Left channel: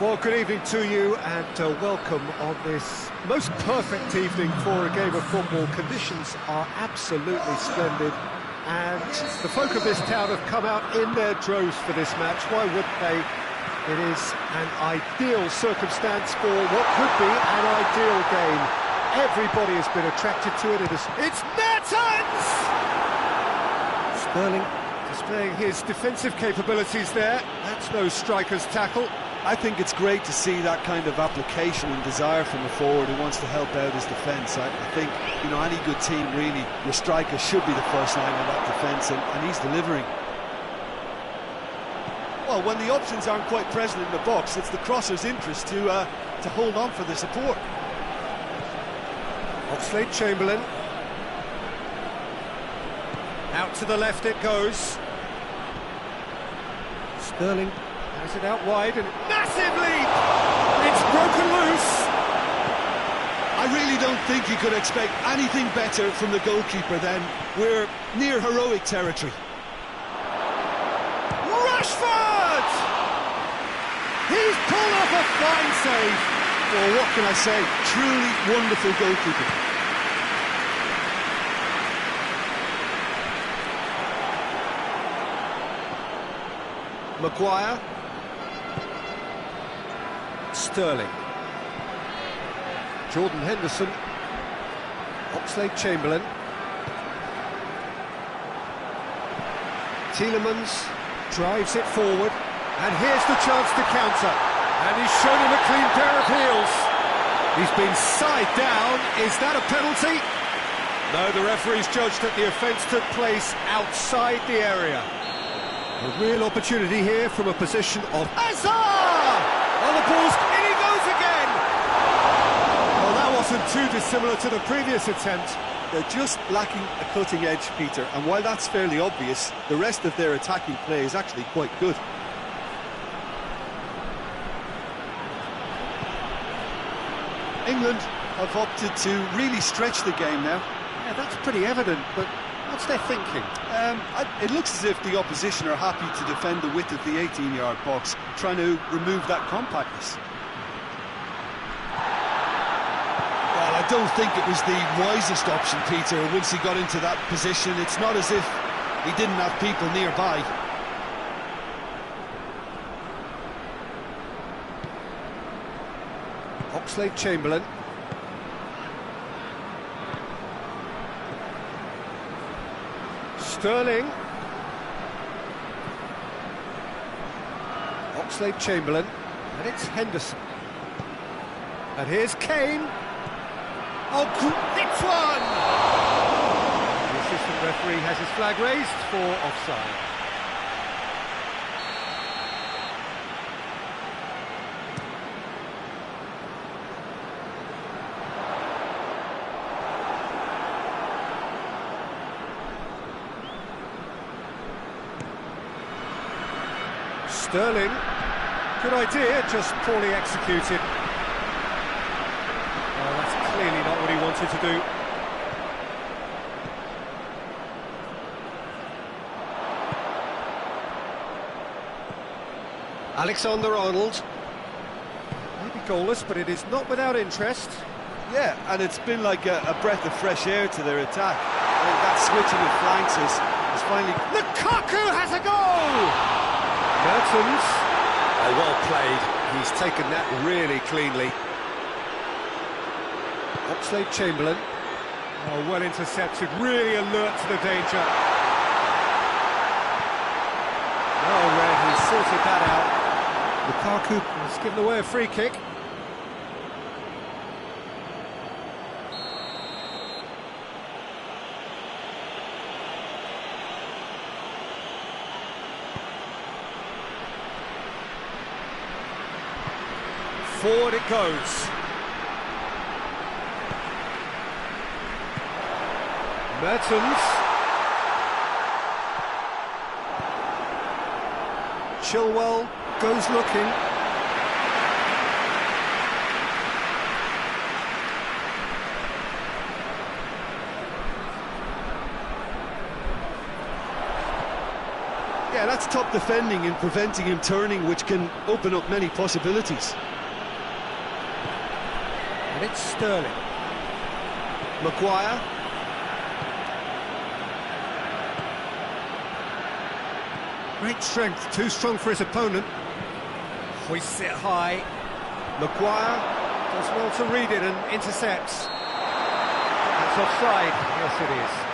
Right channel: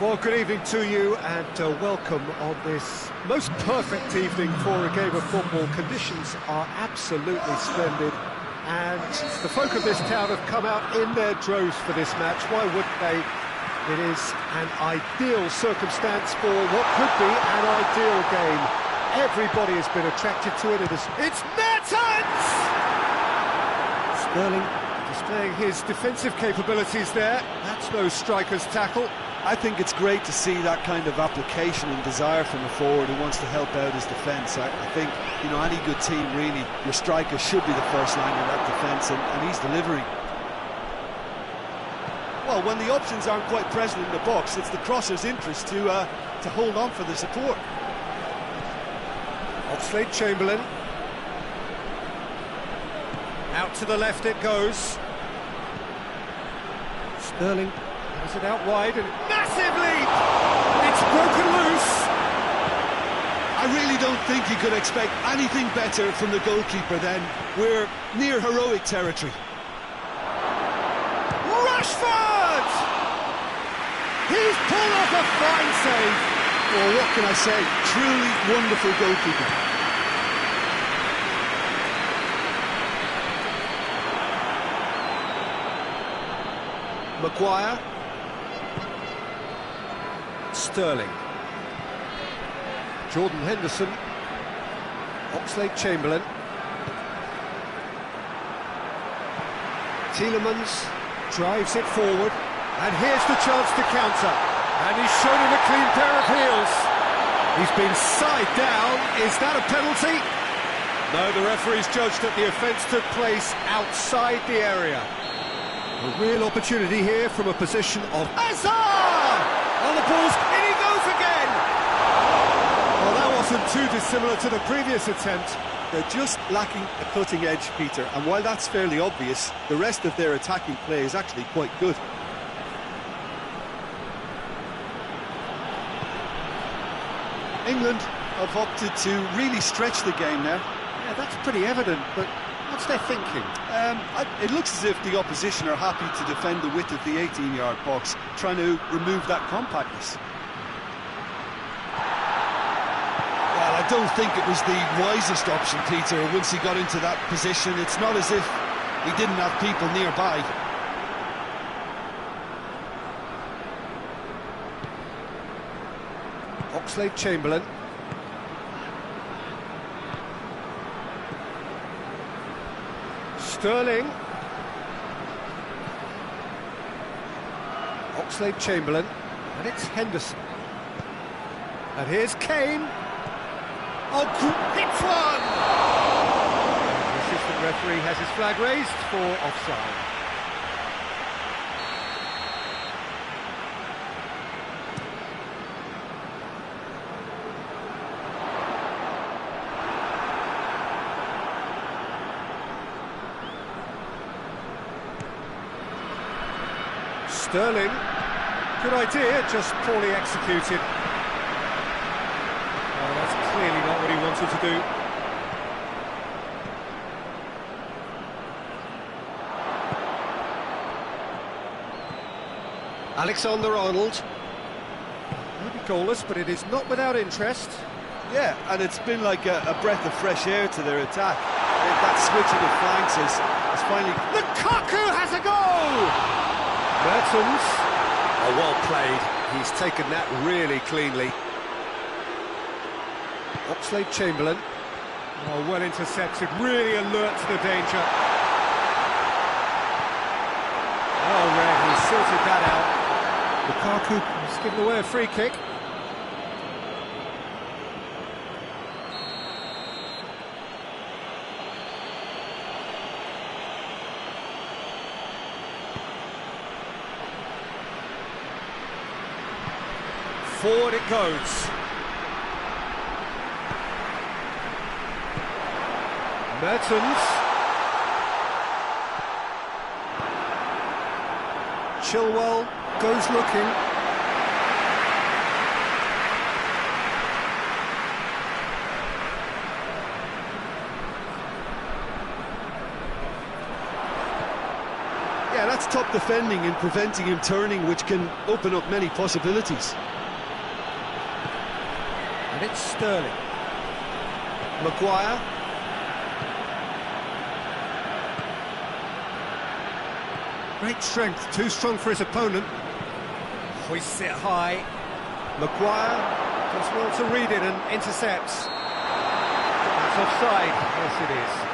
Well, good evening to you and welcome on this most perfect evening for a game of football. Conditions are absolutely splendid and the folk of this town have come out in their droves for this match. Why wouldn't they? It is an ideal circumstance for what could be an ideal game. Everybody has been attracted to it. It's Mertens! Sterling displaying his defensive capabilities there. That's no striker's tackle. I think it's great to see that kind of application and desire from a forward who wants to help out his defence. I think, you know, any good team, really, your striker should be the first line of that defence, and he's delivering. Well, when the options aren't quite present in the box, it's the crosser's interest to hold on for the support. Oxlade-Chamberlain. Out to the left it goes. Sterling has it out wide and massive lead! It's broken loose! I really don't think you could expect anything better from the goalkeeper then. We're near heroic territory. Rashford! He's pulled off a fine save. Well, what can I say? Truly wonderful goalkeeping. Maguire. Sterling. Jordan Henderson. Oxlade-Chamberlain. Tielemans drives it forward, and here's the chance to counter. And he's shown him a clean pair of heels. He's been side down. Is that a penalty? No, the referee's judged that the offence took place outside the area. A real opportunity here from a position of Hazard! On the balls, in he goes again! Well, that wasn't too dissimilar to the previous attempt. They're just lacking a cutting edge, Peter, and while that's fairly obvious, the rest of their attacking play is actually quite good. England have opted to really stretch the game now. Yeah, that's pretty evident, but what's their thinking? It looks as if the opposition are happy to defend the width of the 18-yard box, trying to remove that compactness. Well, I don't think it was the wisest option, Peter, once he got into that position. It's not as if he didn't have people nearby. Oxlade-Chamberlain. Sterling. Oxlade-Chamberlain. And it's Henderson. And here's Kane. Oh, hits one! The assistant referee has his flag raised for offside. Sterling, good idea, just poorly executed. Oh, that's clearly not what he wanted to do. Alexander-Arnold. Maybe goalless, but it is not without interest. Yeah, and it's been like a breath of fresh air to their attack. I think that switching of flanks has finally... Lukaku has a goal! Mertens. Oh, well played. He's taken that really cleanly. Oxlade-Chamberlain. Oh, well intercepted. Really alert to the danger. Oh, Red, he sorted that out. Lukaku has given away a free kick. Forward it goes. Mertens. Chilwell goes looking. Yeah, that's top defending and preventing him turning, which can open up many possibilities. And it's Sterling. Maguire. Great strength, too strong for his opponent. Hoists it high. Maguire. Does well to read it and intercepts. That's offside. Yes, it is.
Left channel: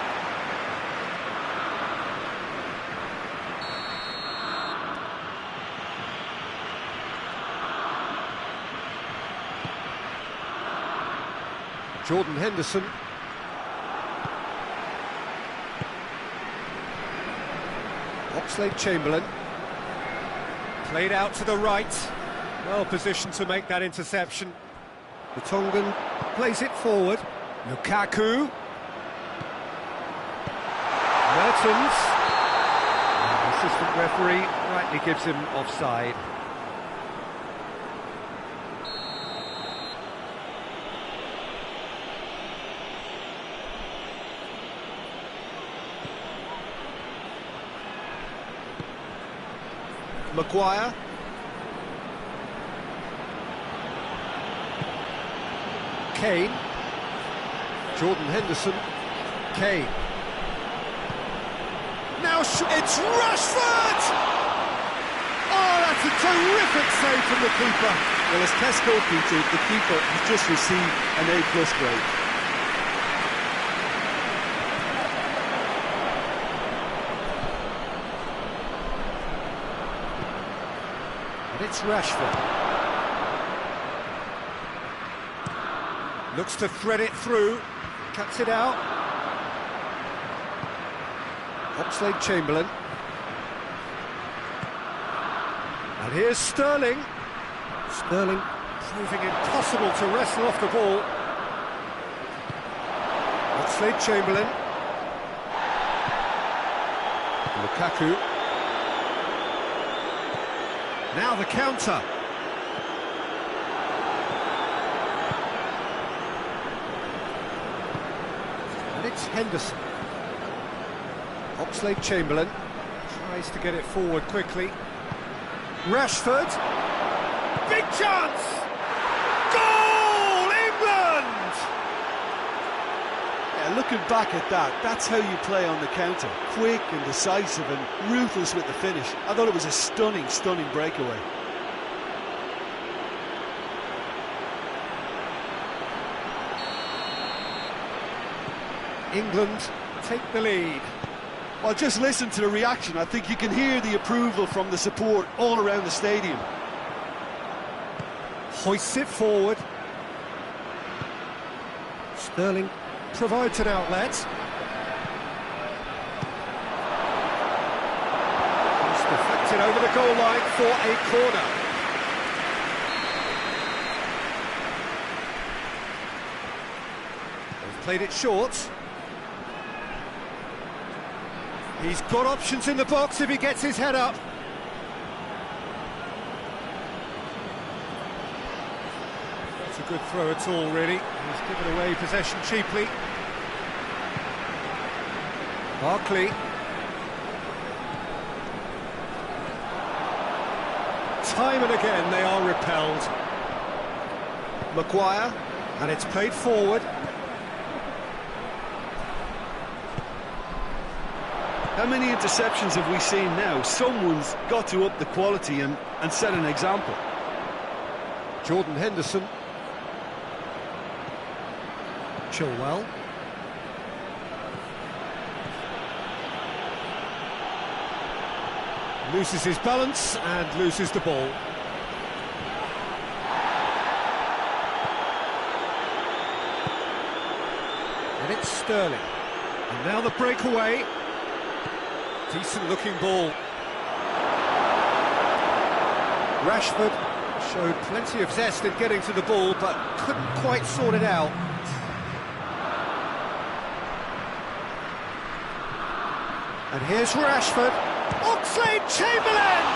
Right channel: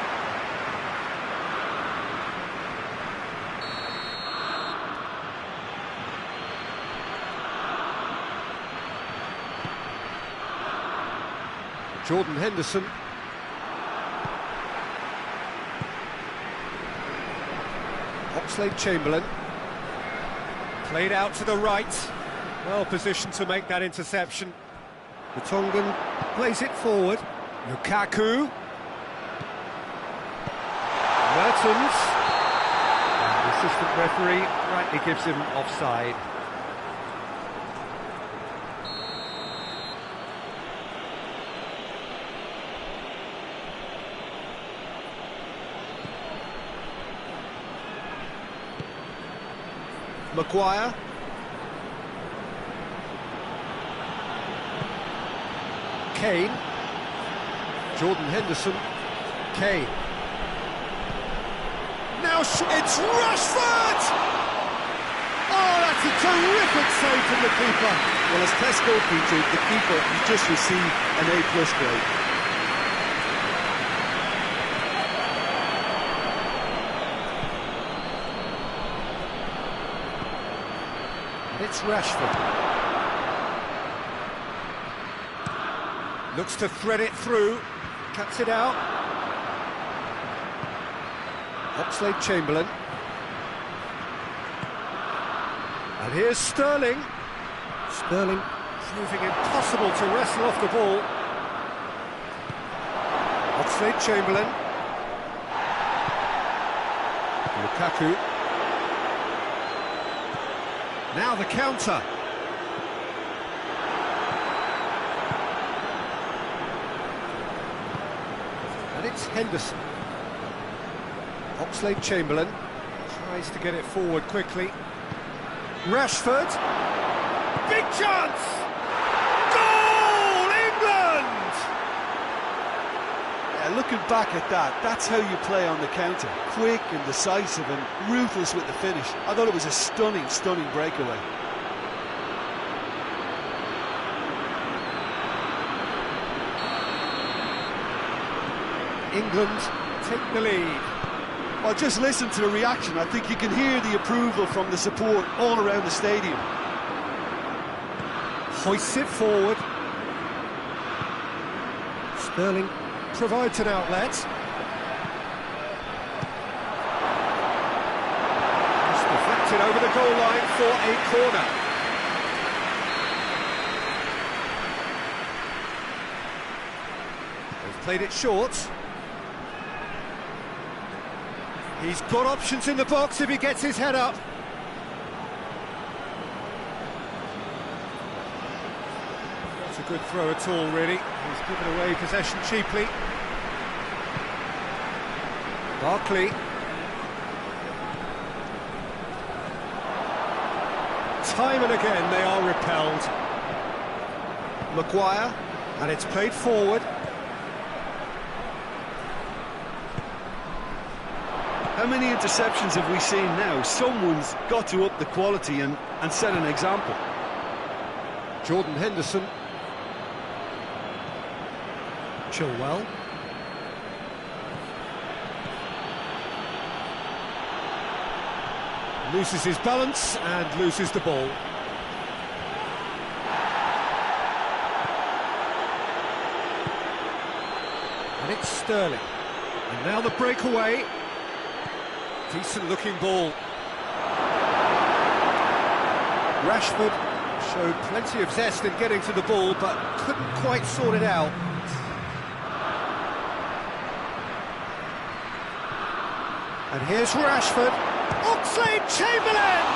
Jordan Henderson. Oxlade-Chamberlain. Played out to the right. Well positioned to make that interception. The Tongan plays it forward. Lukaku. Mertens. And the assistant referee rightly gives him offside. Maguire. Kane. Jordan Henderson. Kane. Now it's Rashford! Oh, that's a terrific save from the keeper. Well, as test goalkeeper, the keeper has just received an A+ grade. And it's Rashford. Looks to thread it through, cuts it out. Oxlade-Chamberlain. And here's Sterling. Sterling proving impossible to wrestle off the ball. Oxlade-Chamberlain. Lukaku. Now the counter. And it's Henderson. Oxlade-Chamberlain tries to get it forward quickly. Rashford. Big chance! Goal! England! Yeah, looking back at that, that's how you play on the counter. Quick and decisive and ruthless with the finish. I thought it was a stunning, stunning breakaway. England take the lead. Well, just listen to the reaction. I think you can hear the approval from the support all around the stadium. Hoists it forward. Sterling provides an outlet. It's deflected over the goal line for a corner. They've played it short. He's got options in the box if he gets his head up. That's a good throw at all, really. He's given away possession cheaply. Barkley. Time and again they are repelled. Maguire. And it's played forward. How many interceptions have we seen now? Someone's got to up the quality and set an example. Jordan Henderson. Chilwell. Loses his balance and loses the ball. And it's Sterling. And now the breakaway. Decent looking ball. Rashford showed plenty of zest in getting to the ball, but couldn't quite sort it out. And here's Rashford. Oxlade-Chamberlain!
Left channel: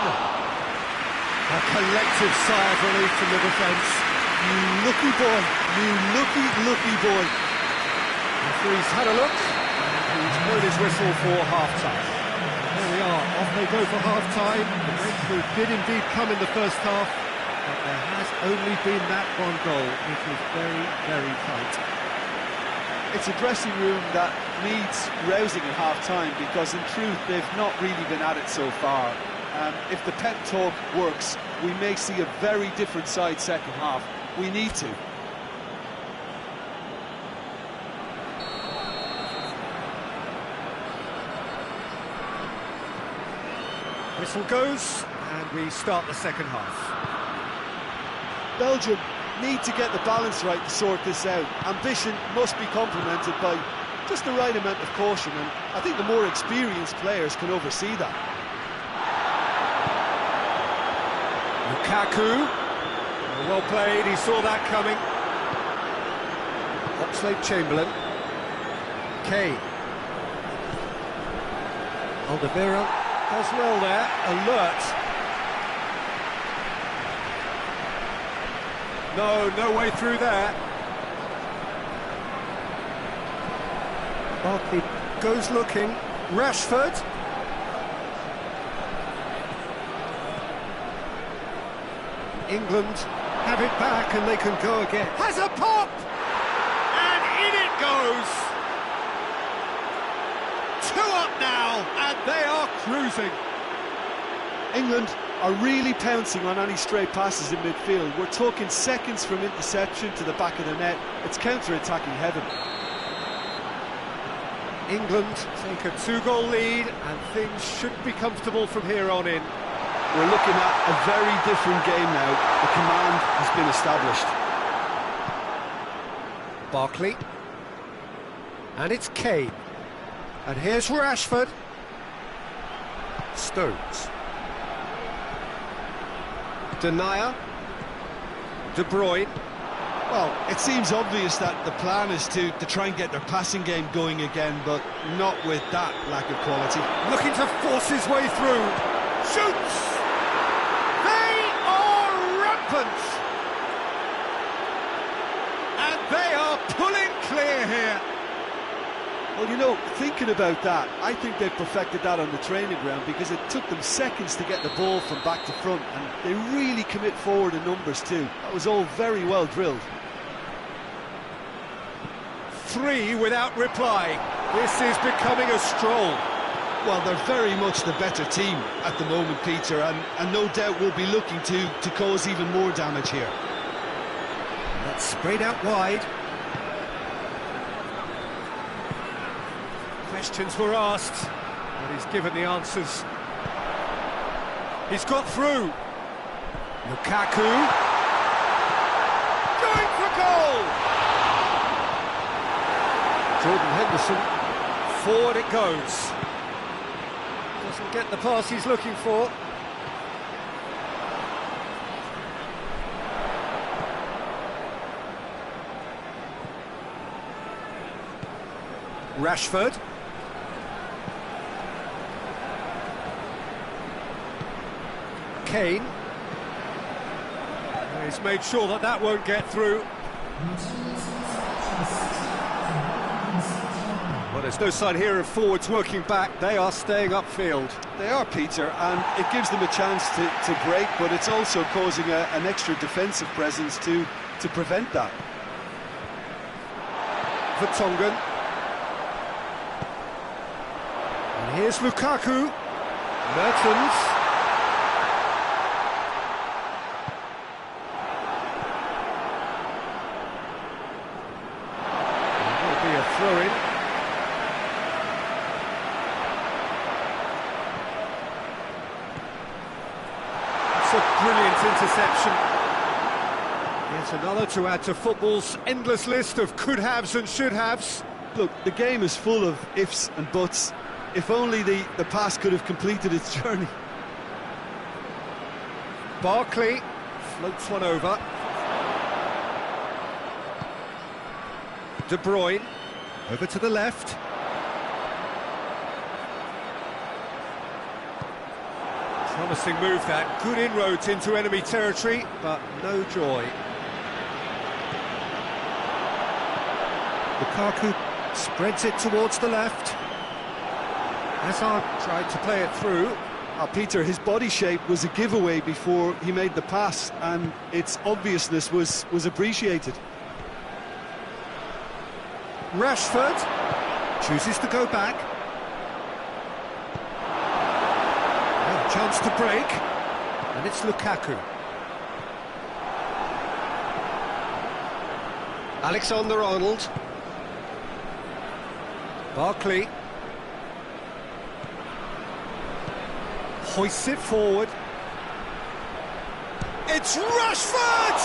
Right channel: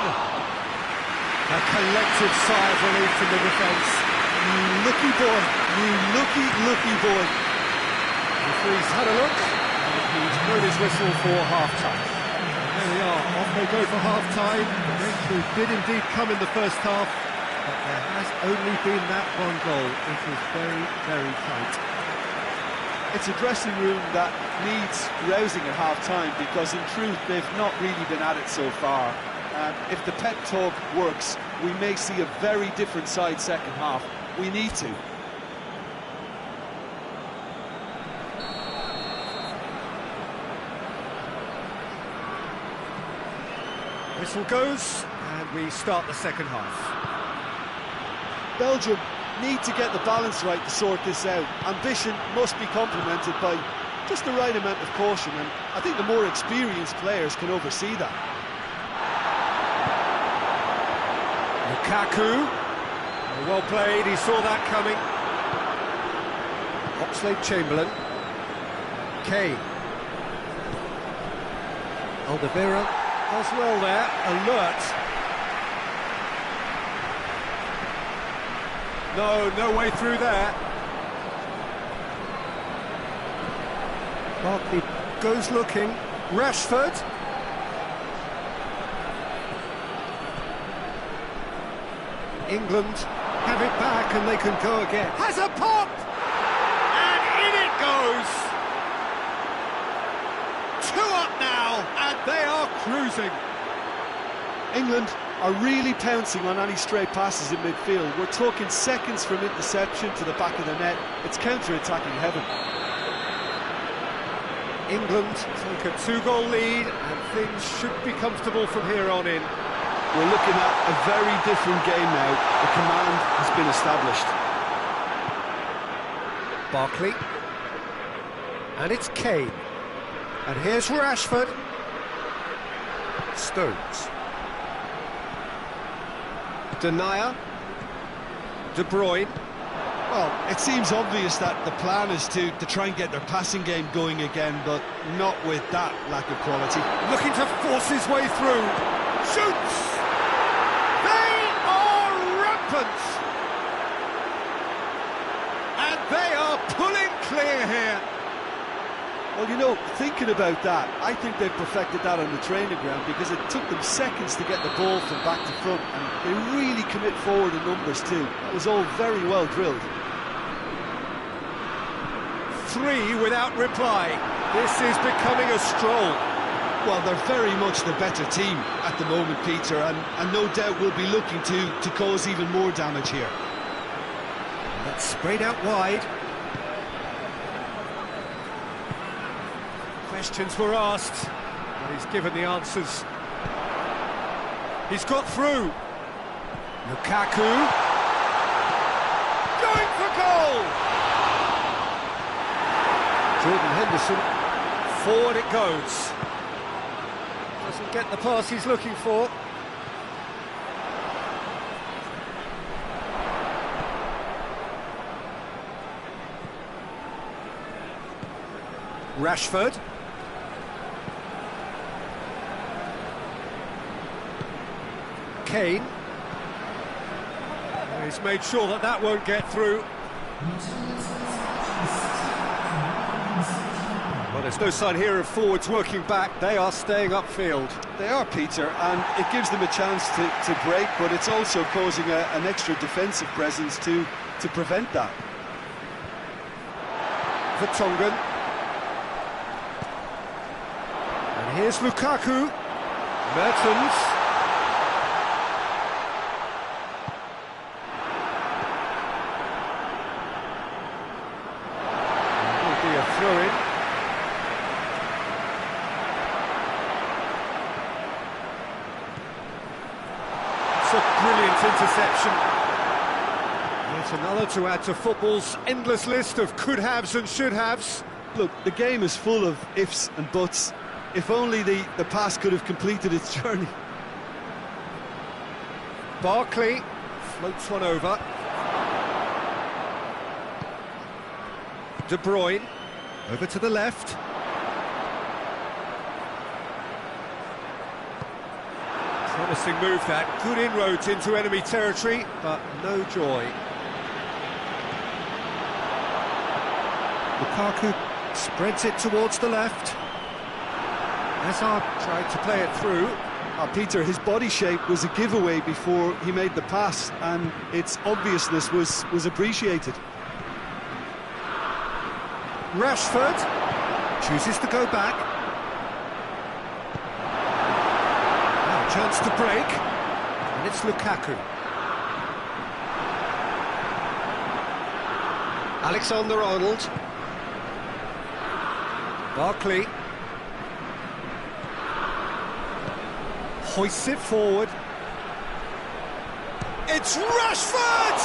A collective sigh of relief from the defence. You lucky boy, you lucky boy. The referee's had a look, and he's blown his whistle for half-time. There we are, off they go for half-time. The breakthrough did indeed come in the first half, but there has only been that one goal. It is very, very tight. It's a dressing room that needs rousing at half-time, because in truth they've not really been at it so far. If the pep talk works, we may see a very different side second half. We need to. Whistle goes, and we start the second half. Belgium need to get the balance right to sort this out. Ambition must be complemented by just the right amount of caution, and I think the more experienced players can oversee that. Lukaku, well played, he saw that coming. Oxlade-Chamberlain, Kane. Alderweireld does well there, alert. No way through there. Barkley goes looking. Rashford. England have it back and they can go again. Has a pop! And in it goes! 2 up now, and they are cruising. England are really pouncing on any stray passes in midfield. We're talking seconds from interception to the back of the net. It's counter-attacking heaven. England take a 2-goal lead, and things should be comfortable from here on in. We're looking at a very different game now. The command has been established. Barkley. And it's Kane. And here's Rashford. Stones. Denier. De Bruyne. Well, it seems obvious that the plan is to try and get their passing game going again, but not with that lack of quality. Looking to force his way through. Shoots! They are rampant! And they are pulling clear here. Well, you know, thinking about that, I think they've perfected that on the training ground, because it took them seconds to get the ball from back to front, and they really commit forward in numbers too. That was all very well drilled. 3 without reply. This is becoming a stroll. Well, they're very much the better team at the moment, Peter, and no doubt will be looking to cause even more damage here. That's sprayed out wide. Questions were asked, but he's given the answers. He's got through. Lukaku. Going for goal! Jordan Henderson. Forward it goes. Doesn't get the pass he's looking for. Rashford. Kane. He's made sure that that won't get through. Well, there's no sign here of forwards working back. They are staying upfield. They are, Peter, and it gives them a chance to break, but it's also causing an extra defensive presence to prevent that. Vertonghen. And here's Lukaku. Mertens. There will be a throw-in. That's a brilliant interception. Yet another to add to football's endless list of could-haves and should-haves. Look, the game is full of ifs and buts. If only the pass could have completed its journey. Barkley floats one over. De Bruyne over to the left. Promising move that, good inroads into enemy territory, but no joy. Lukaku spreads it towards the left. Hazard tried to play it through. Peter, his body shape was a giveaway before he made the pass, and its obviousness was appreciated. Rashford chooses to go back. Now a chance to break, and it's Lukaku. Alexander-Arnold. Barkley. Hoists it forward. It's Rashford!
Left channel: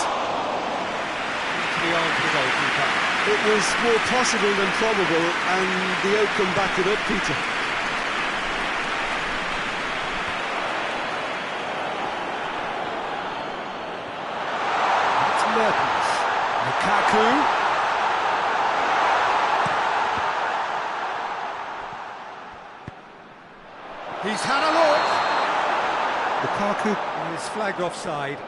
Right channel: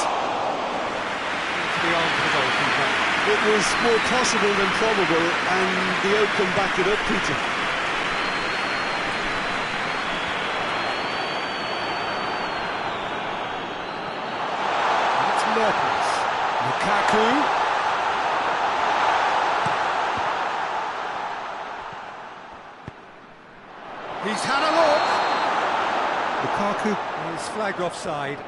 Into the arm of the goalkeeper. It was more possible than probable, and the outcome backed it up, Peter. It's Mertens. Lukaku. He's had a look. Lukaku is flagged offside.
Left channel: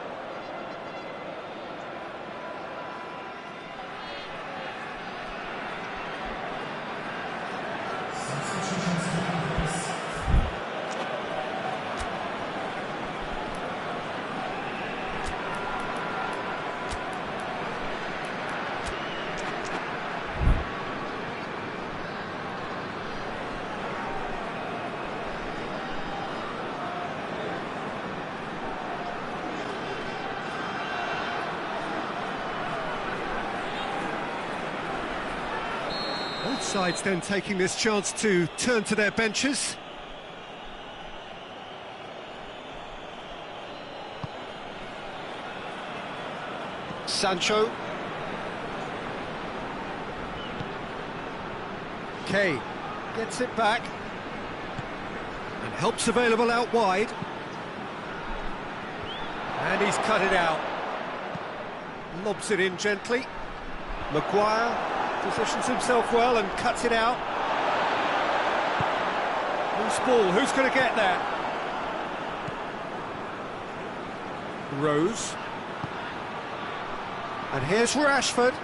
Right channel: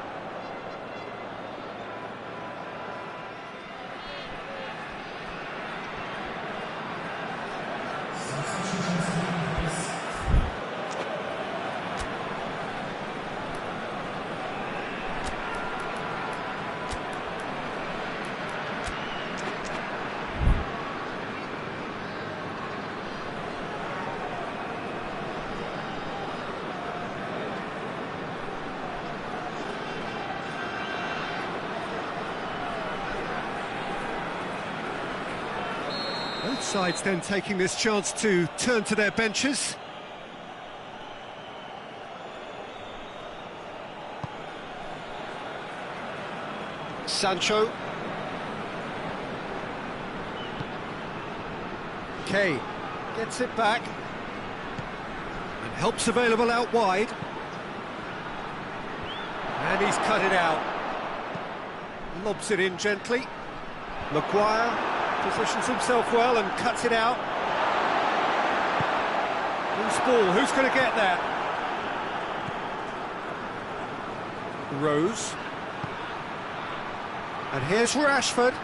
Both sides then taking this chance to turn to their benches. Sancho. Kay gets it back and helps available out wide. And he's cut it out. Lobs it in gently. Maguire positions himself well and cuts it out. Loose ball, who's going to get that? Rose. And here's Rashford.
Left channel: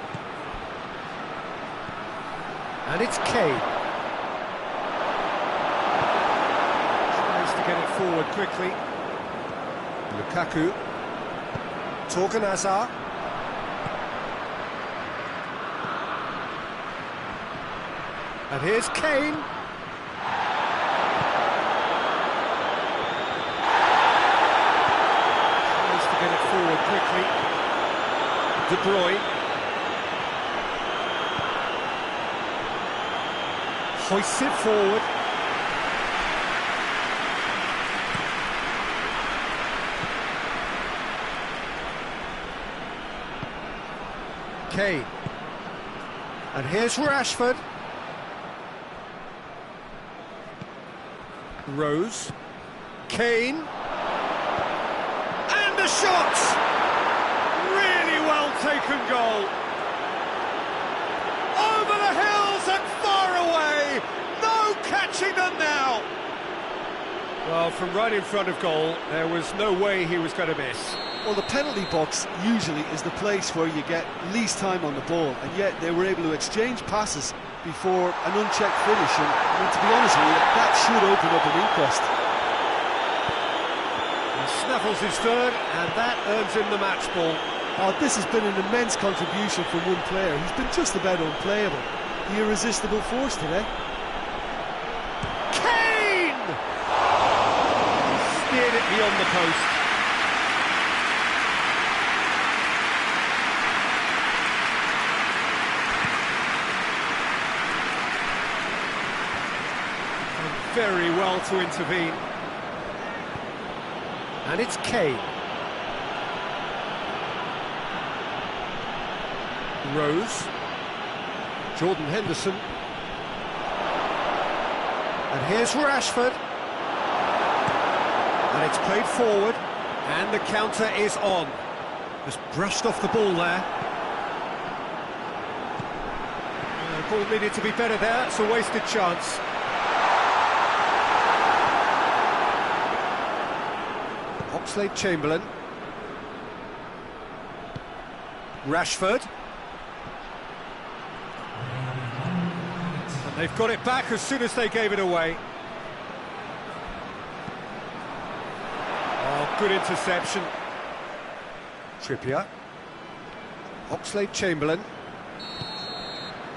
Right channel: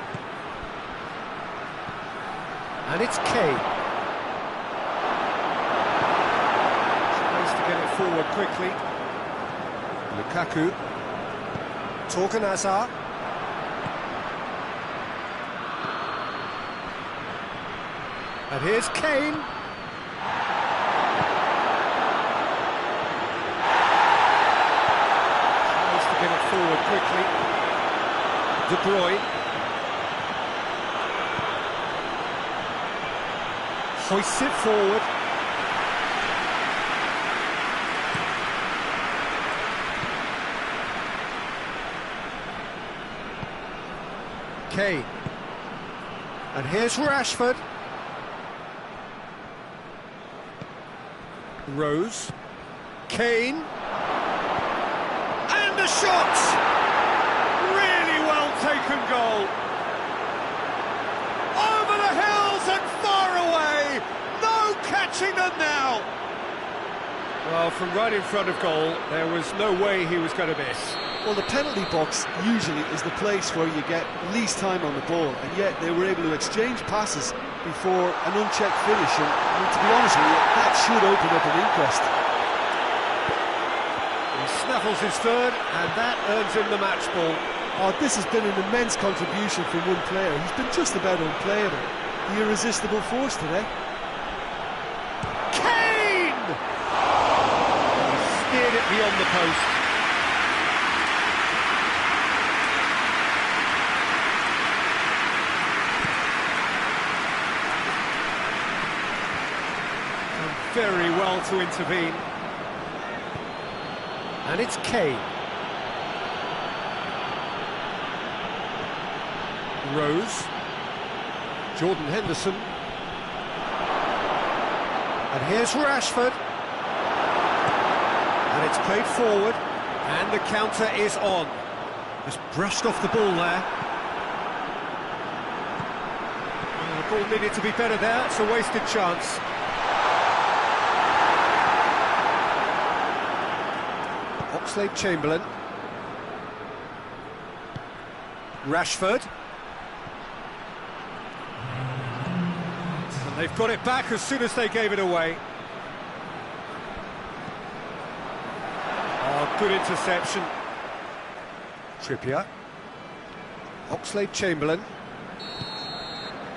And it's Kane. Tries to get it forward quickly. Lukaku. Torgan Hazard. And here's Kane. Tries to get it forward quickly. De Bruyne. Hoists it forward. Kane. And here's Rashford. Rose. Kane. And the shot! Really well taken goal. Over the hills and far away. No catching them now. Well, from right in front of goal, there was no way he was going to miss. Well, the penalty box usually is the place where you get least time on the ball, and yet they were able to exchange passes before an unchecked finish, and I mean, to be honest with you, that should open up an inquest. He snaffles his third, and that earns him the match ball. Oh, this has been an immense contribution from one player. He's been just about unplayable. The irresistible force today. Kane! He steered it beyond the post. Very well to intervene. And it's Kane. Rose. Jordan Henderson. And here's Rashford. And it's played forward. And the counter is on. Just brushed off the ball there. The ball needed to be better there. It's a wasted chance. Oxlade-Chamberlain. Rashford. And they've got it back as soon as they gave it away. Oh, good interception. Trippier. Oxlade-Chamberlain.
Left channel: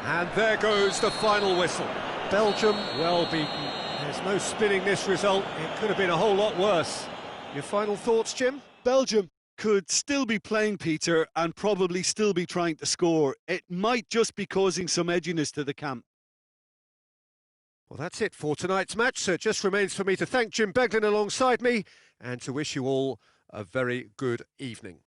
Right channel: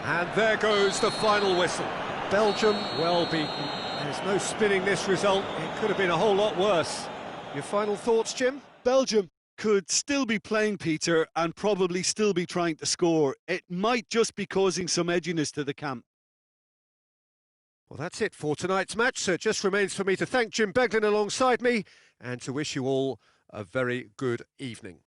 And there goes the final whistle. Belgium well beaten. There's no spinning this result. It could have been a whole lot worse. Your final thoughts, Jim? Belgium could still be playing, Peter, and probably still be trying to score. It might just be causing some edginess to the camp. Well, that's it for tonight's match, so it just remains for me to thank Jim Beglin alongside me and to wish you all a very good evening.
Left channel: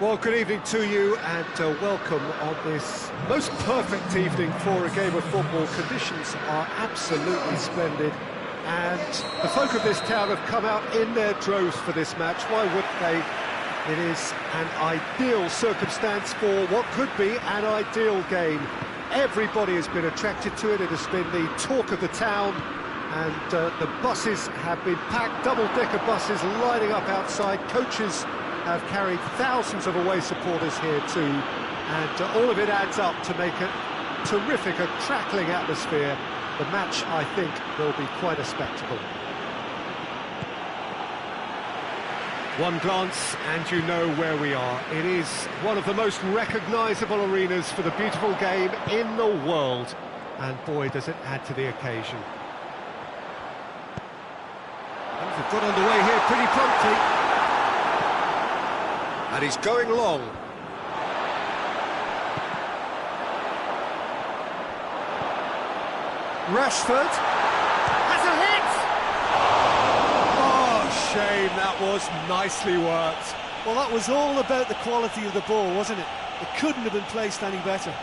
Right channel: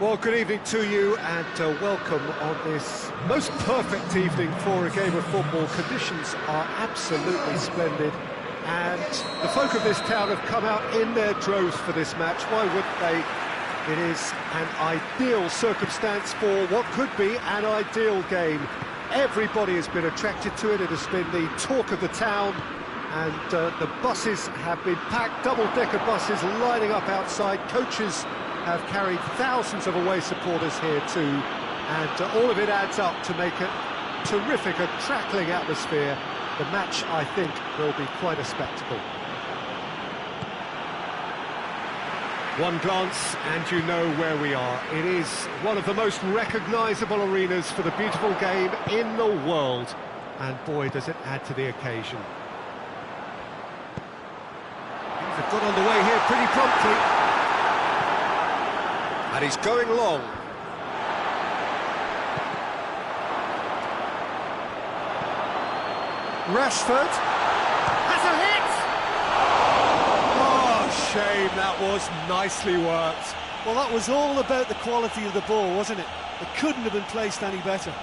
Well, good evening to you and welcome on this most perfect evening for a game of football. Conditions are absolutely splendid and the folk of this town have come out in their droves for this match. Why wouldn't they? It is an ideal circumstance for what could be an ideal game. Everybody has been attracted to it. It has been the talk of the town and the buses have been packed, double-decker buses lining up outside. Coaches have carried thousands of away supporters here too, and all of it adds up to make a terrific, a crackling atmosphere. The match, I think, will be quite a spectacle. One glance and you know where we are. It is one of the most recognisable arenas for the beautiful game in the world, and boy does it add to the occasion. Things have got underway here pretty promptly. And he's going long. Rashford has a hit! Oh, shame, that was nicely worked. Well, that was all about the quality of the ball, wasn't it? It couldn't have been placed any better.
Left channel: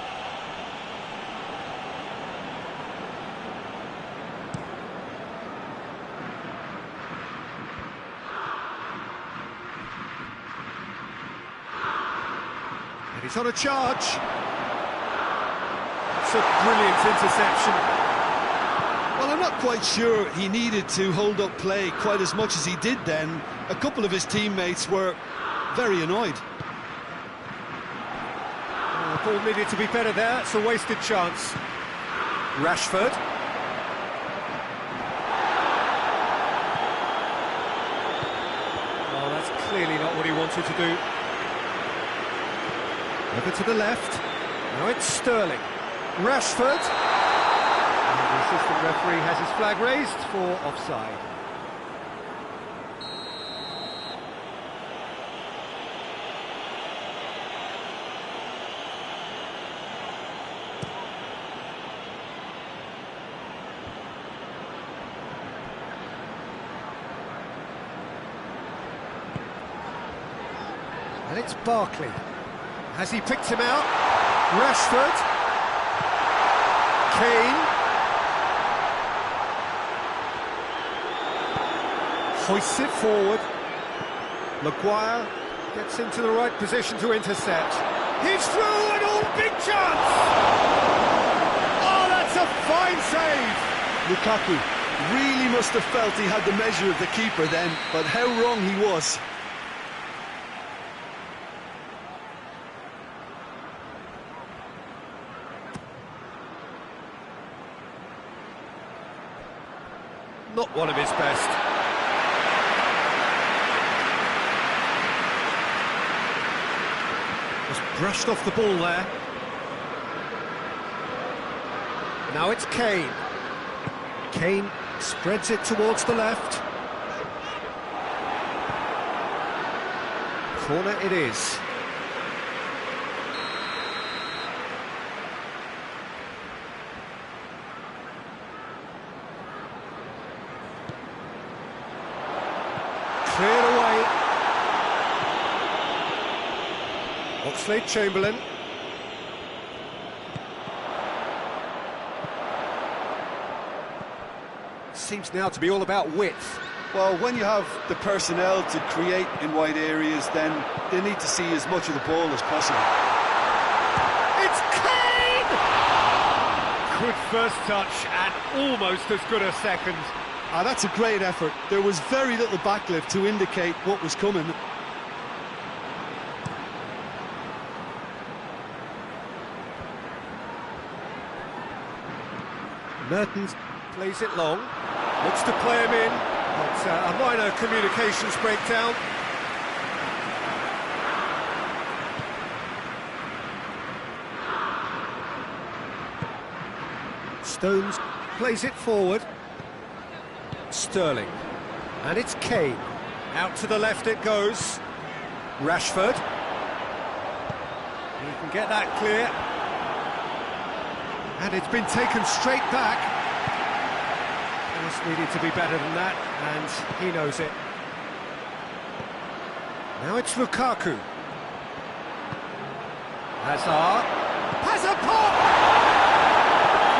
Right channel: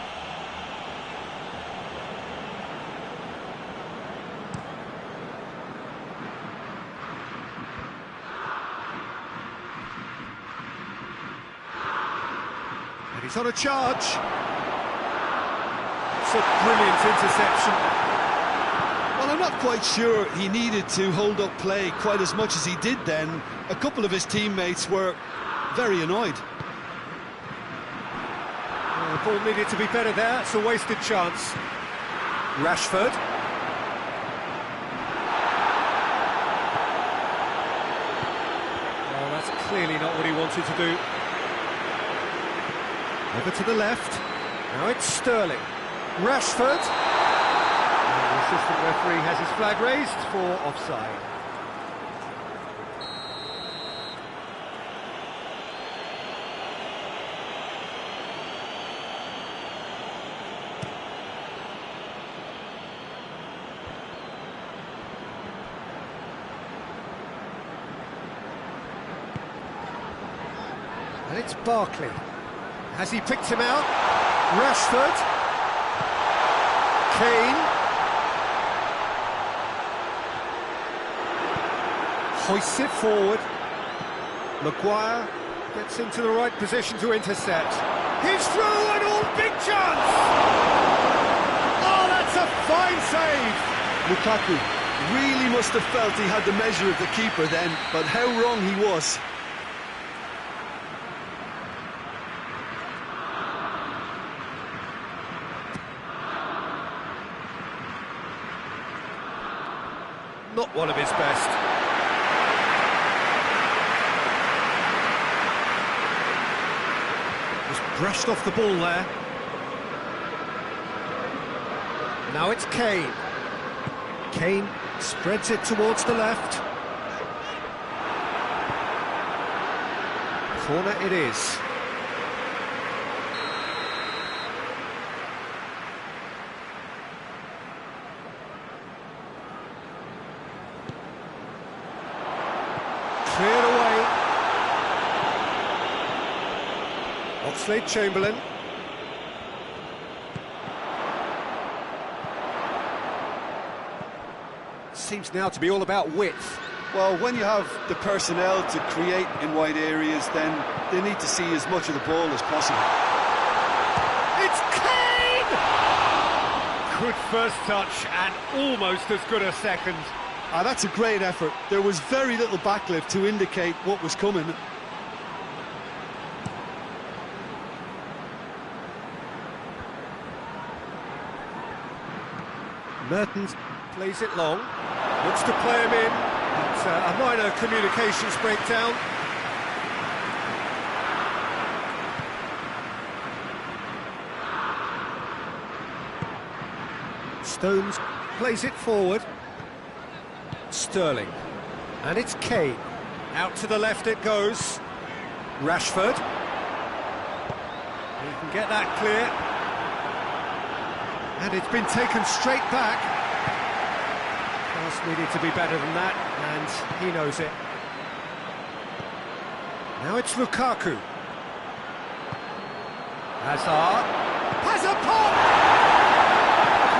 And he's on a charge. It's a brilliant interception. Well, Well, I'm not quite sure he needed to hold up play quite as much as he did then. A couple of his teammates were very annoyed. Ball needed to be better there. It's a wasted chance. Rashford. Oh, that's clearly not what he wanted to do. Over to the left. Now it's Sterling. Rashford. And the assistant referee has his flag raised for offside. And it's Barkley. Has he picked him out? Rashford. Kane. Hoists it forward. Maguire gets into the right position to intercept. He's through and all, big chance! Oh, that's a fine save! Lukaku really must have felt he had the measure of the keeper then, but how wrong he was. Not one of his best. Just brushed off the ball there. Now it's Kane. Kane spreads it towards the left. Corner it is. Cleared away. Oxlade-Chamberlain. Seems now to be all about width. Well, when you have the personnel to create in wide areas, then they need to see as much of the ball as possible. It's Kane! Good first touch and almost as good a second. That's a great effort. There was very little backlift to indicate what was coming. Mertens plays it long, looks to play him in, but a minor communications breakdown. Stones plays it forward. Sterling, and it's Kane. Out to the left it goes. Rashford. He can get that clear. And it's been taken straight back. Pass needed to be better than that, and he knows it. Now it's Lukaku. Hazard. Has a pop!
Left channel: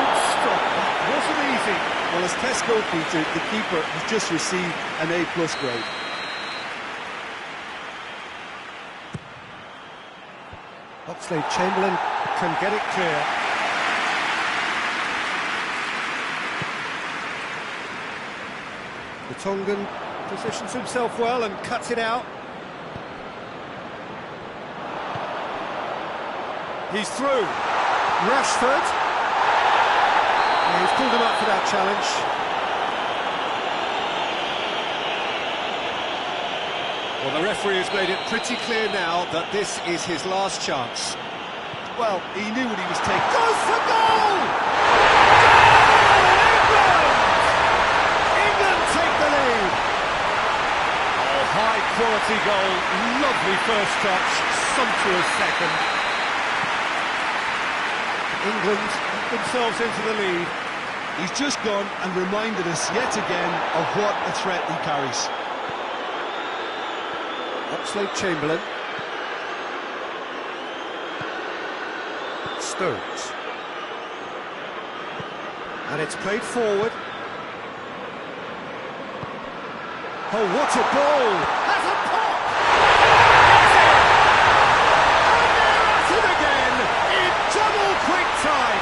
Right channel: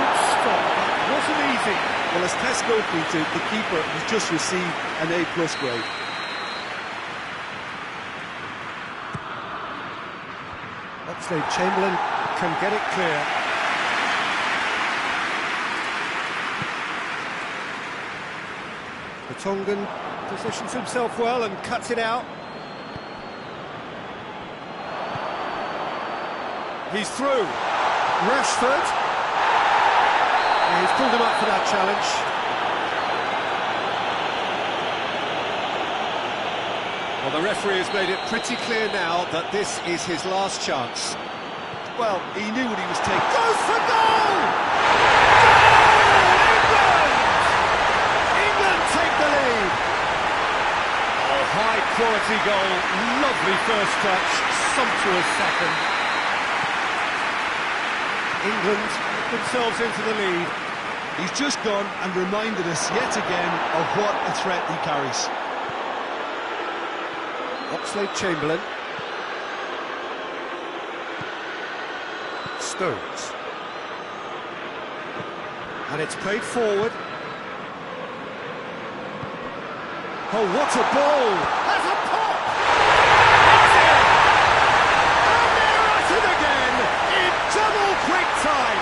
Good stop, that wasn't easy. Well, as test goalkeeper, the keeper has just received an A+ grade. Oxlade-Chamberlain can get it clear. The Tongan positions himself well and cuts it out. He's through. Rashford. He's pulled him up for that challenge. Well, the referee has made it pretty clear now that this is his last chance. Well, he knew what he was taking. Goes for goal! Goal! England! England take the lead. Oh, high-quality goal. Lovely first touch. Sumptuous second. England get themselves into the lead. He's just gone and reminded us yet again of what a threat he carries. Oxlade-Chamberlain. Stones. And it's played forward. Oh, what a ball! Has a pop! It's in! And they're at it again in double quick time.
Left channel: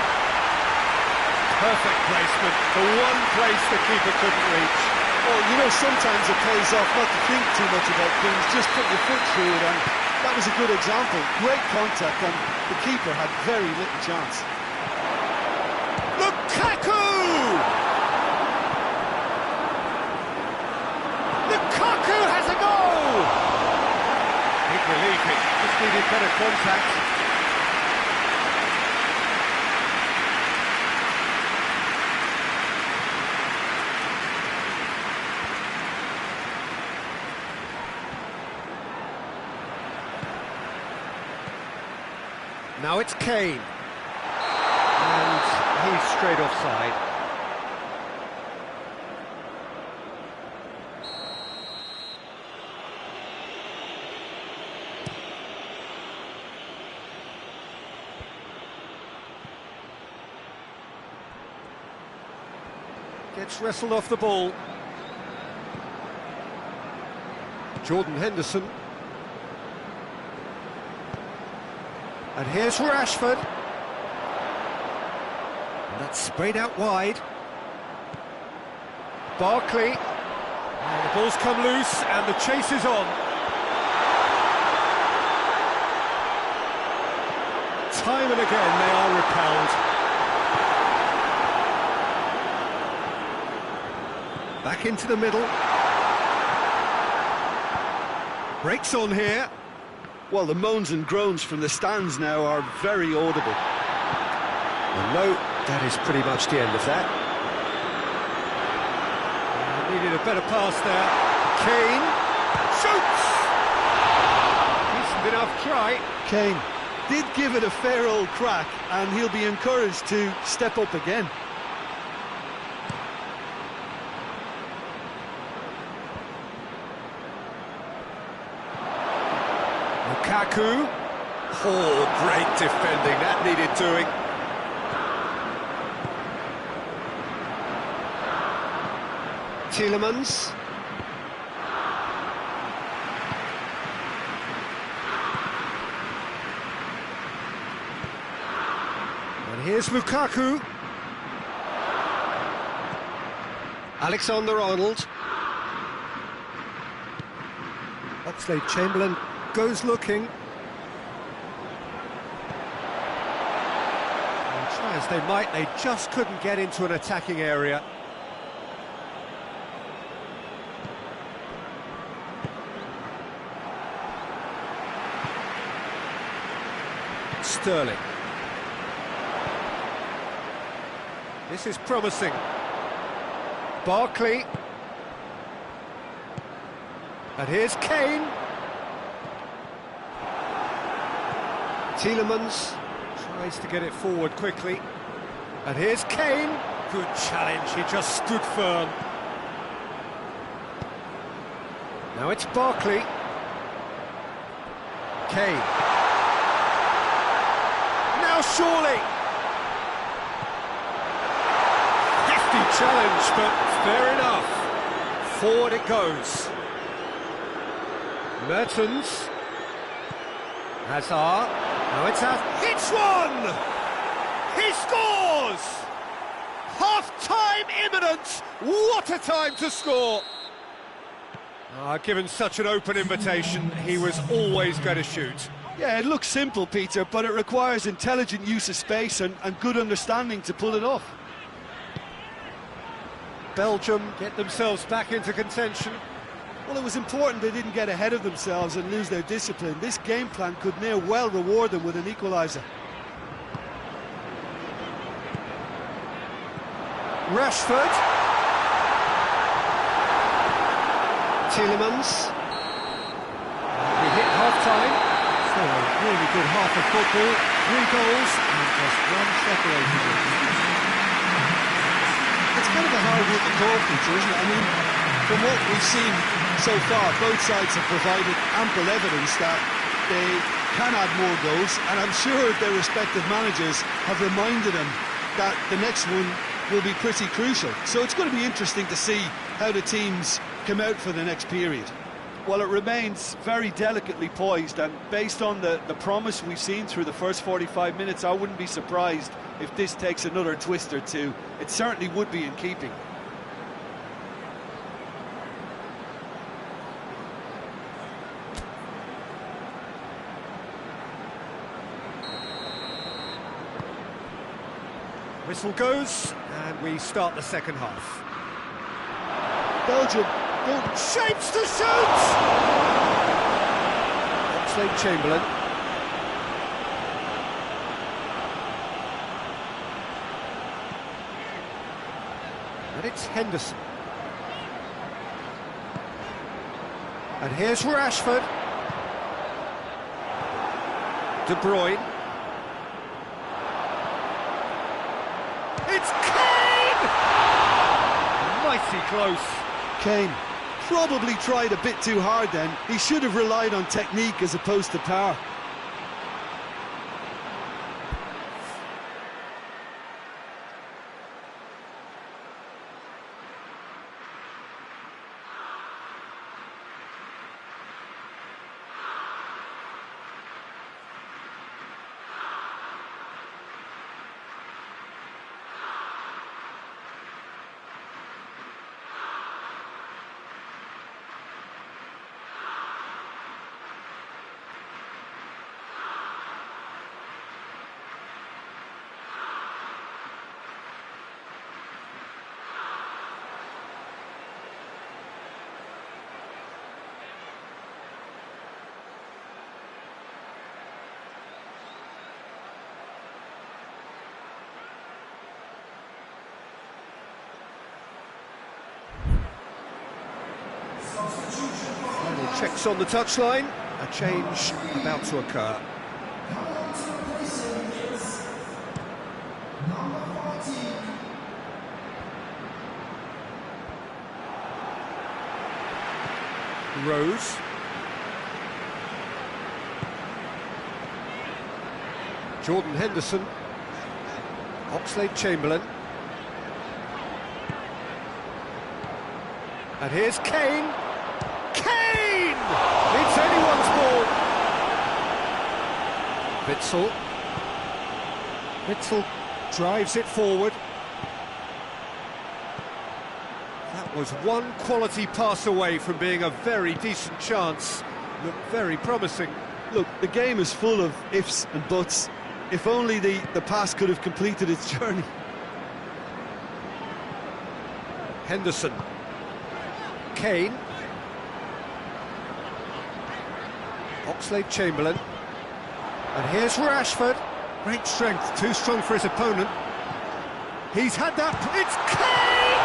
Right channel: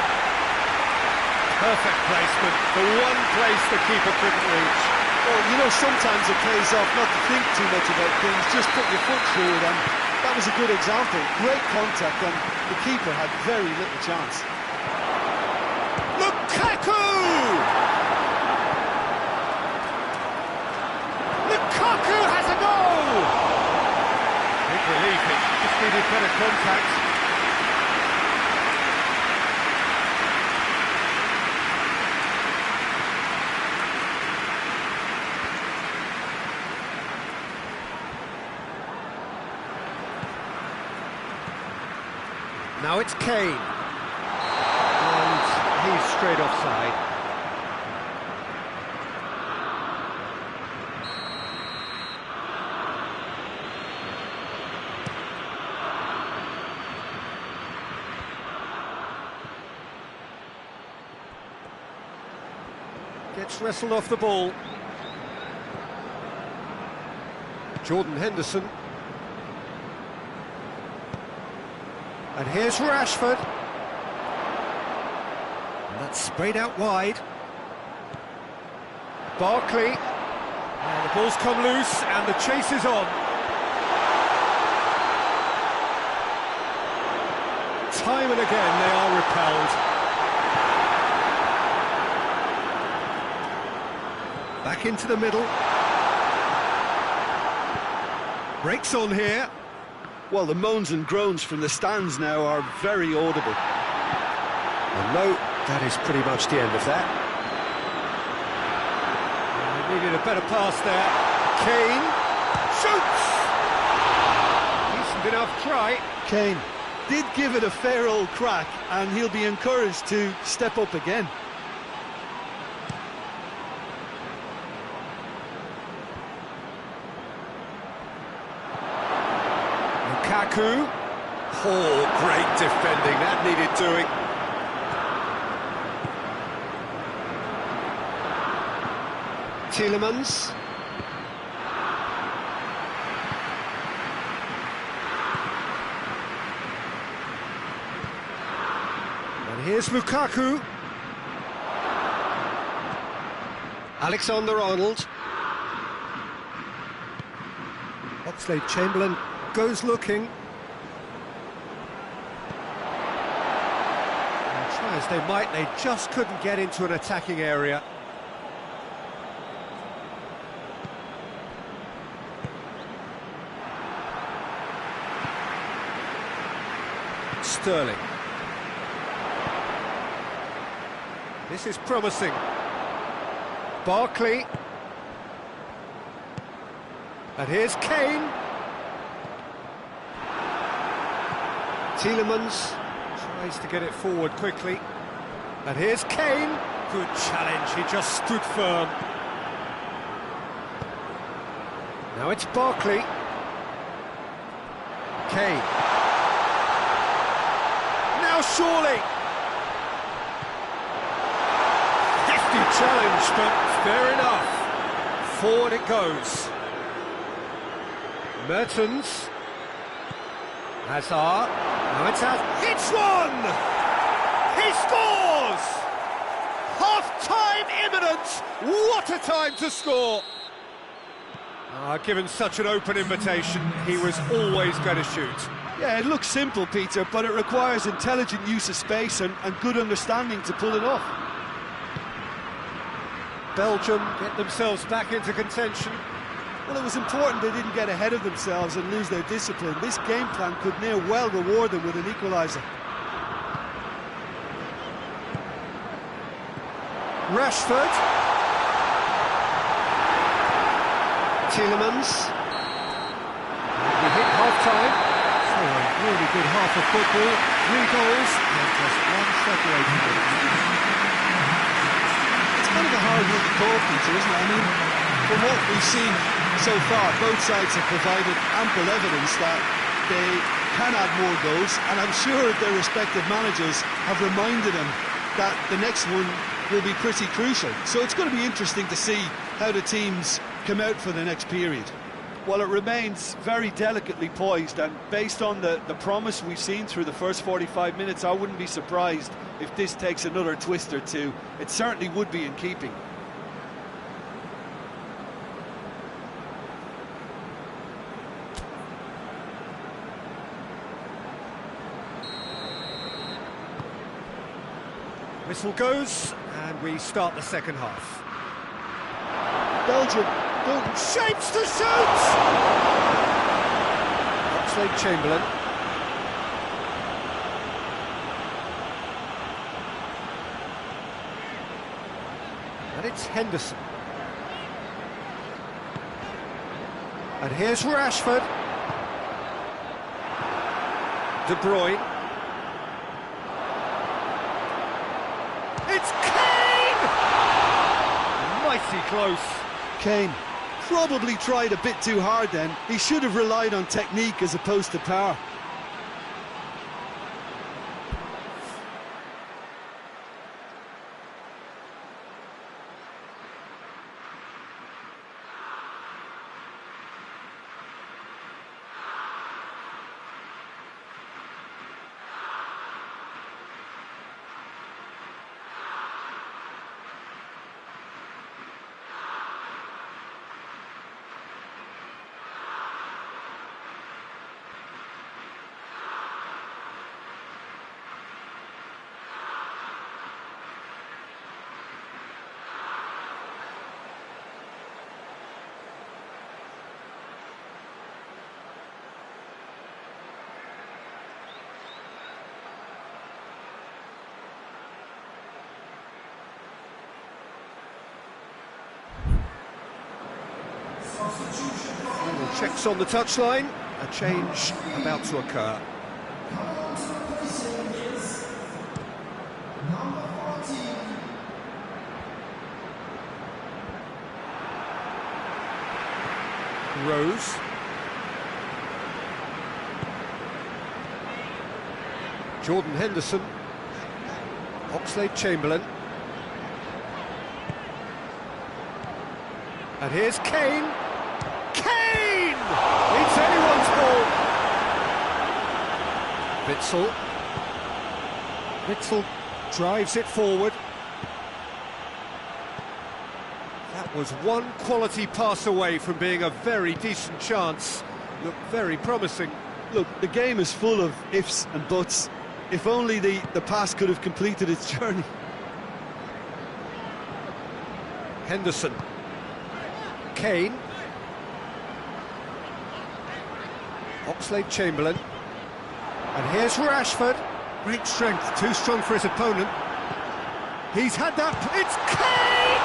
Perfect placement, the one place the keeper couldn't reach. Well, you know, sometimes it pays off not to think too much about things, just put your foot through it, and that was a good example. Great contact, and the keeper had very little chance. Lukaku! Lukaku has a goal! Big relief, it just needed better contact. Now it's Kane. And he's straight offside. Gets wrestled off the ball. Jordan Henderson. And here's Rashford. And that's sprayed out wide. Barkley. And the ball's come loose and the chase is on. Time and again they are repelled. Back into the middle. Breaks on here. Well, the moans and groans from the stands now are very audible. And no, that is pretty much the end of that. Needed a better pass there. Kane shoots! Decent enough try. Kane did give it a fair old crack, and he'll be encouraged to step up again. Lukaku. Oh, great defending, that needed doing. Tielemans. And here's Lukaku. Alexander-Arnold. Oxlade-Chamberlain goes looking. And try as they might, they just couldn't get into an attacking area. Sterling. This is promising. Barkley. And here's Kane. Tielemans tries to get it forward quickly. And here's Kane. Good challenge, he just stood firm. Now it's Barkley. Kane. Now surely. Hefty challenge, but fair enough. Forward it goes. Mertens. Hazard. Now it's Hazard. Hits one! He scores! Half-time imminent! What a time to score! Given such an open invitation, he was always going to shoot. Yeah, it looks simple, Peter, but it requires intelligent use of space and good understanding to pull it off. Belgium get themselves back into contention. Well, it was important they didn't get ahead of themselves and lose their discipline. This game plan could near well reward them with an equaliser. Rashford. Tielemans. We hit half-time. So a really good half of football. 3 goals and just one separating them. It's kind of a hard one to call, Peter, isn't it? I mean, from what we've seen so far, both sides have provided ample evidence that they can add more goals, and I'm sure their respective managers have reminded them that the next one will be pretty crucial. So it's going to be interesting to see how the teams come out for the next period. Well, it remains very delicately poised, and based on the promise we've seen through the first 45 minutes, I wouldn't be surprised if this takes another twist or two. It certainly would be in keeping. Whistle goes, and we start the second half. Belgium don't Shapes to shoot! Oxlade-Chamberlain. And it's Henderson. And here's Rashford. De Bruyne. It's Kane! Mighty close. Kane probably tried a bit too hard then. He should have relied on technique as opposed to power. Final checks on the touchline. A change about to occur. Rose. Jordan Henderson. Oxlade-Chamberlain. And here's Kane. Kane! It's anyone's ball. Witsel. Witsel drives it forward. That was one quality pass away from being a very decent chance. Looked very promising. Look, the game is full of ifs and buts. If only the pass could have completed its journey. Henderson. Kane. Oxlade-Chamberlain. And here's Rashford. Great strength, too strong for his opponent. He's had that. It's Kane!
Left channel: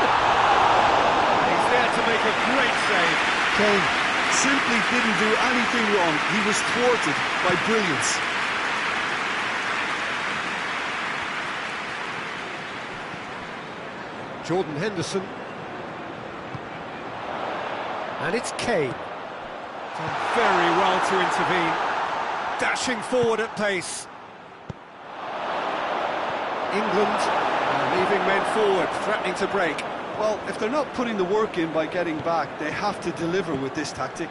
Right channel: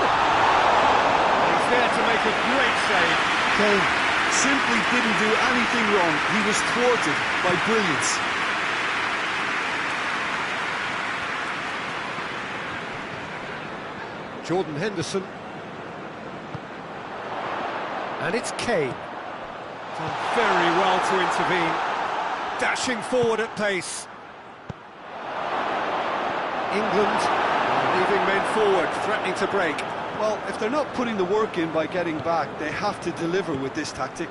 And he's there to make a great save. Kane simply didn't do anything wrong. He was thwarted by brilliance. Jordan Henderson. And it's Kane. Done very well to intervene. Dashing forward at pace. England are leaving men forward, threatening to break. Well, if they're not putting the work in by getting back, they have to deliver with this tactic.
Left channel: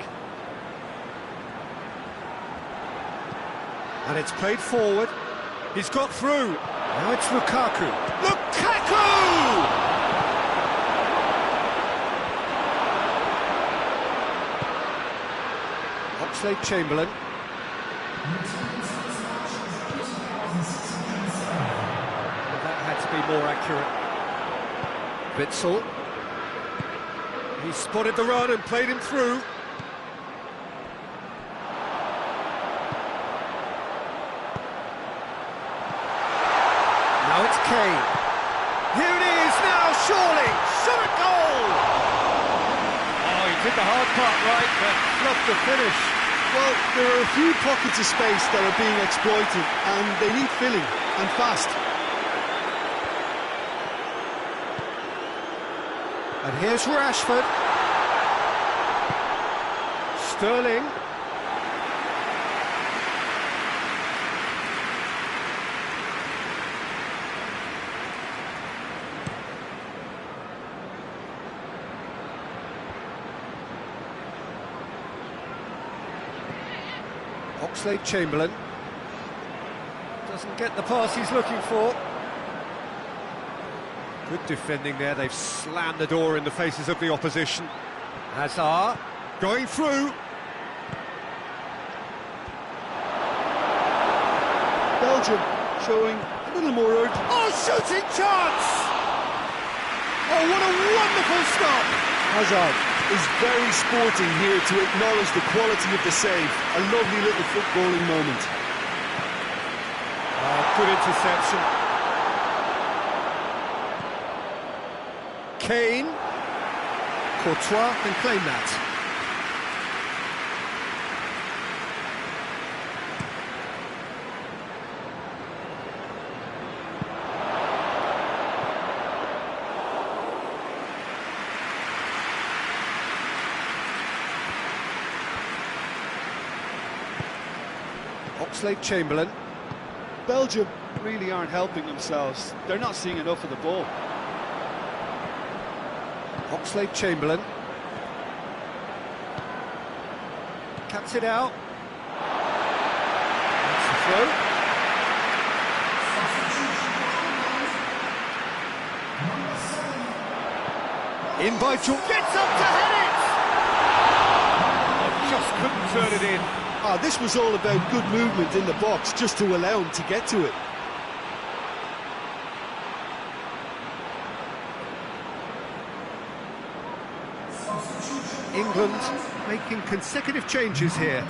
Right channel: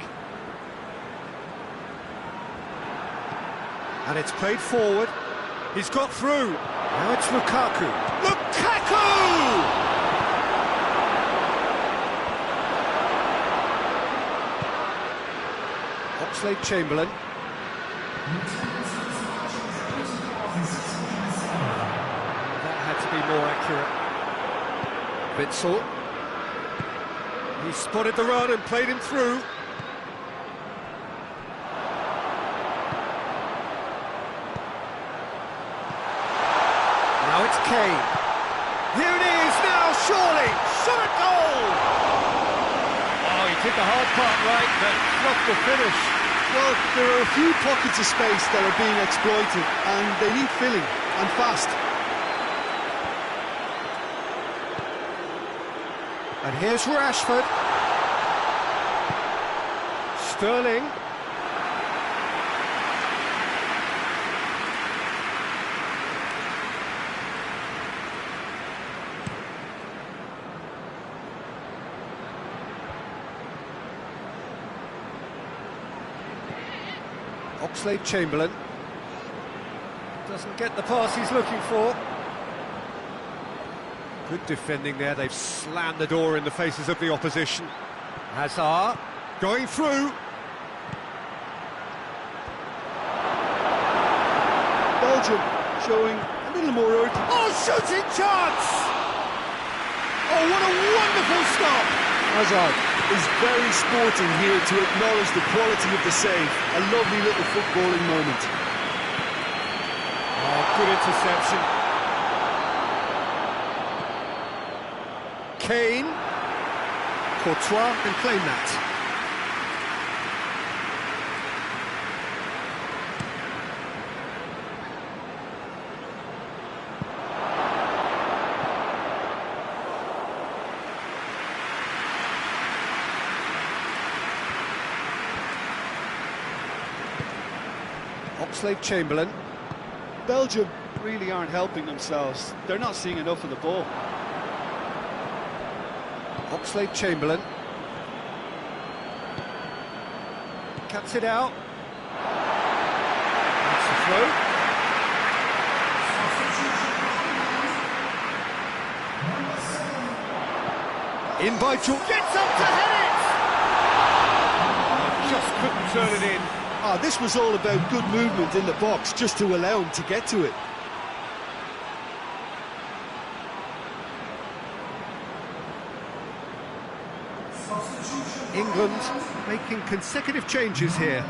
And it's played forward. He's got through. Now it's Lukaku. Lukaku! Oxlade-Chamberlain. That had to be more accurate. Witsel. He spotted the run and played him through. Now it's Kane. Here it is now, surely! Shot at goal! Oh, he did the hard part right, but not the finish. Well, there are a few pockets of space that are being exploited, and they need filling, and fast. And here's Rashford. Sterling. Oxlade-Chamberlain doesn't get the pass he's looking for. Good defending there, they've slammed the door in the faces of the opposition. Hazard going through. Belgium showing a little more urgency. Oh, shooting chance! Oh, what a wonderful stop! Hazard is very sporting here to acknowledge the quality of the save. A lovely little footballing moment. Oh, good interception. Kane. Courtois can claim that. Oxlade-Chamberlain. Belgium really aren't helping themselves. They're not seeing enough of the ball. Oxlade-Chamberlain. Cuts it out. That's the throw. In by George. Gets up to head it! Oh, just couldn't turn it in. Ah, this was all about good movement in the box, just to allow him to get to it. England making consecutive changes here.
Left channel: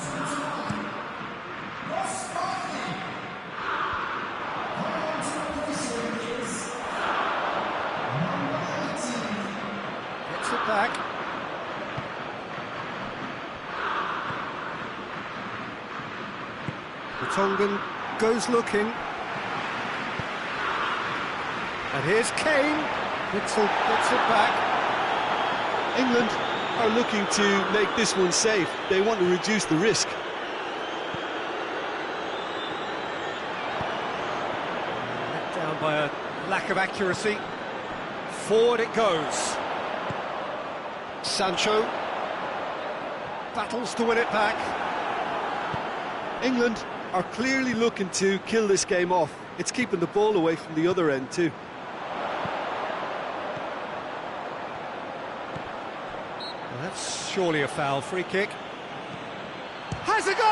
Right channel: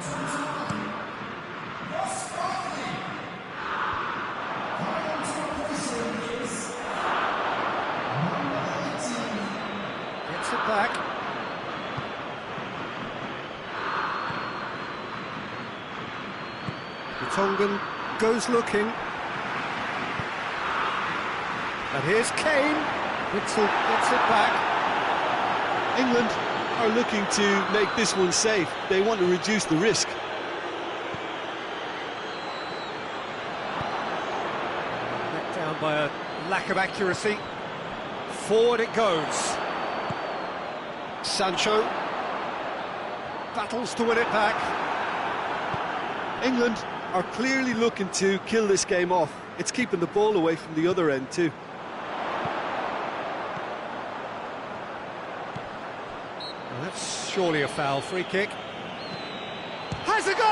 Gets it back. The Tongan goes looking. And here's Kane. Witzel gets it back. England are looking to make this one safe. They want to reduce the risk. Let down by a lack of accuracy. Forward it goes. Sancho battles to win it back. England are clearly looking to kill this game off. It's keeping the ball away from the other end too. Well, that's surely a foul. Free kick. Has a goal!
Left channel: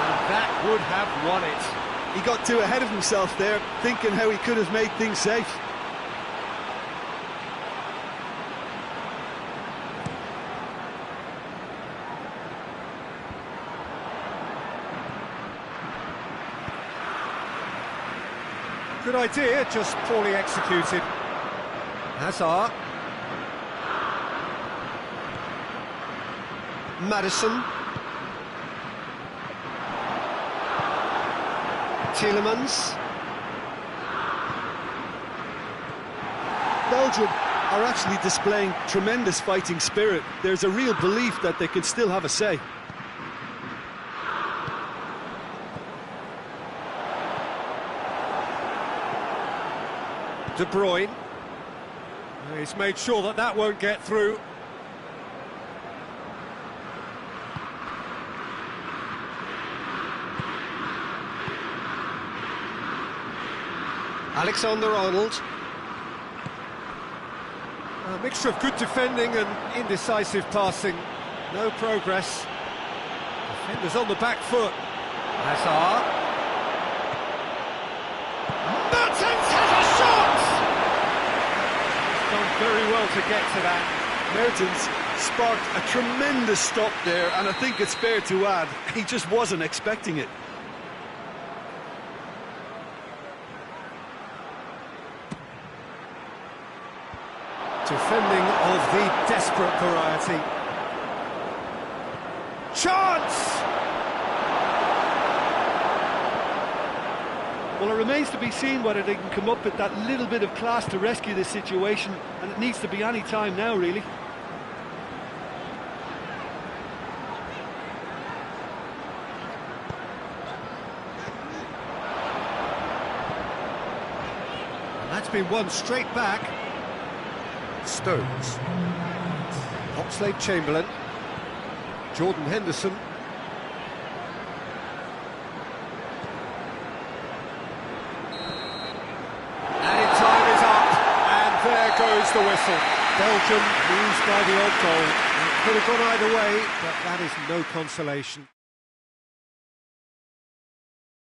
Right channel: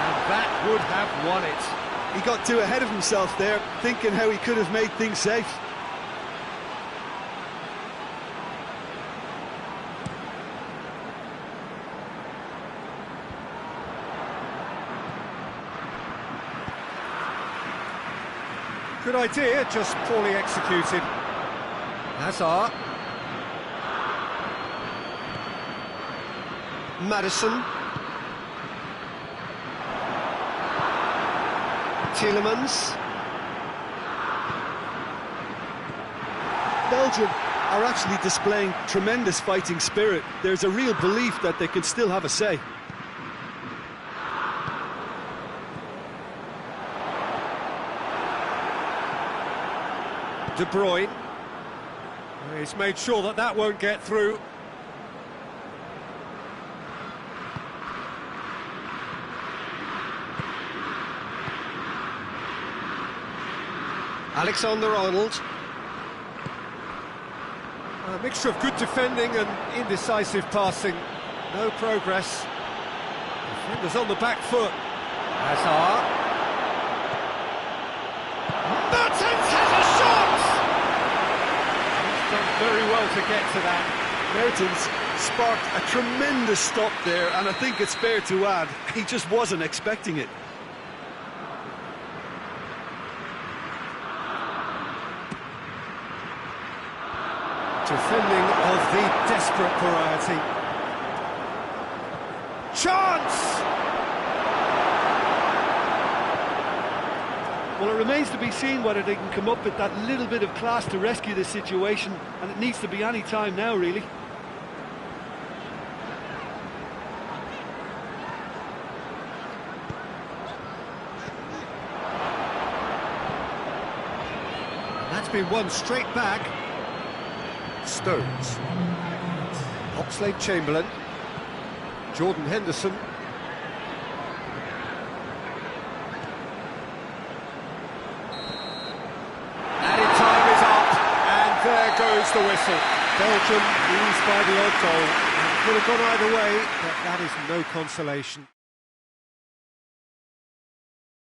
And that would have won it. He got too ahead of himself there, thinking how he could have made things safe. Good idea, just poorly executed. Hazard. Madison. Tielemans. Belgium are actually displaying tremendous fighting spirit. There's a real belief that they can still have a say. De Bruyne. He's made sure that that won't get through. Alexander-Arnold. A mixture of good defending and indecisive passing. No progress. Defenders on the back foot. Hazard. Mertens has a shot! He's done very well to get to that. Mertens sparked a tremendous stop there, and I think it's fair to add, he just wasn't expecting it. Defending of the desperate variety. Chance! Well, it remains to be seen whether they can come up with that little bit of class to rescue this situation, and it needs to be any time now, really. And that's been won straight back. Stones. Oxlade-Chamberlain. Jordan Henderson. there goes the whistle. Belgium lose by the odd goal. It could have gone either way, but that is no consolation.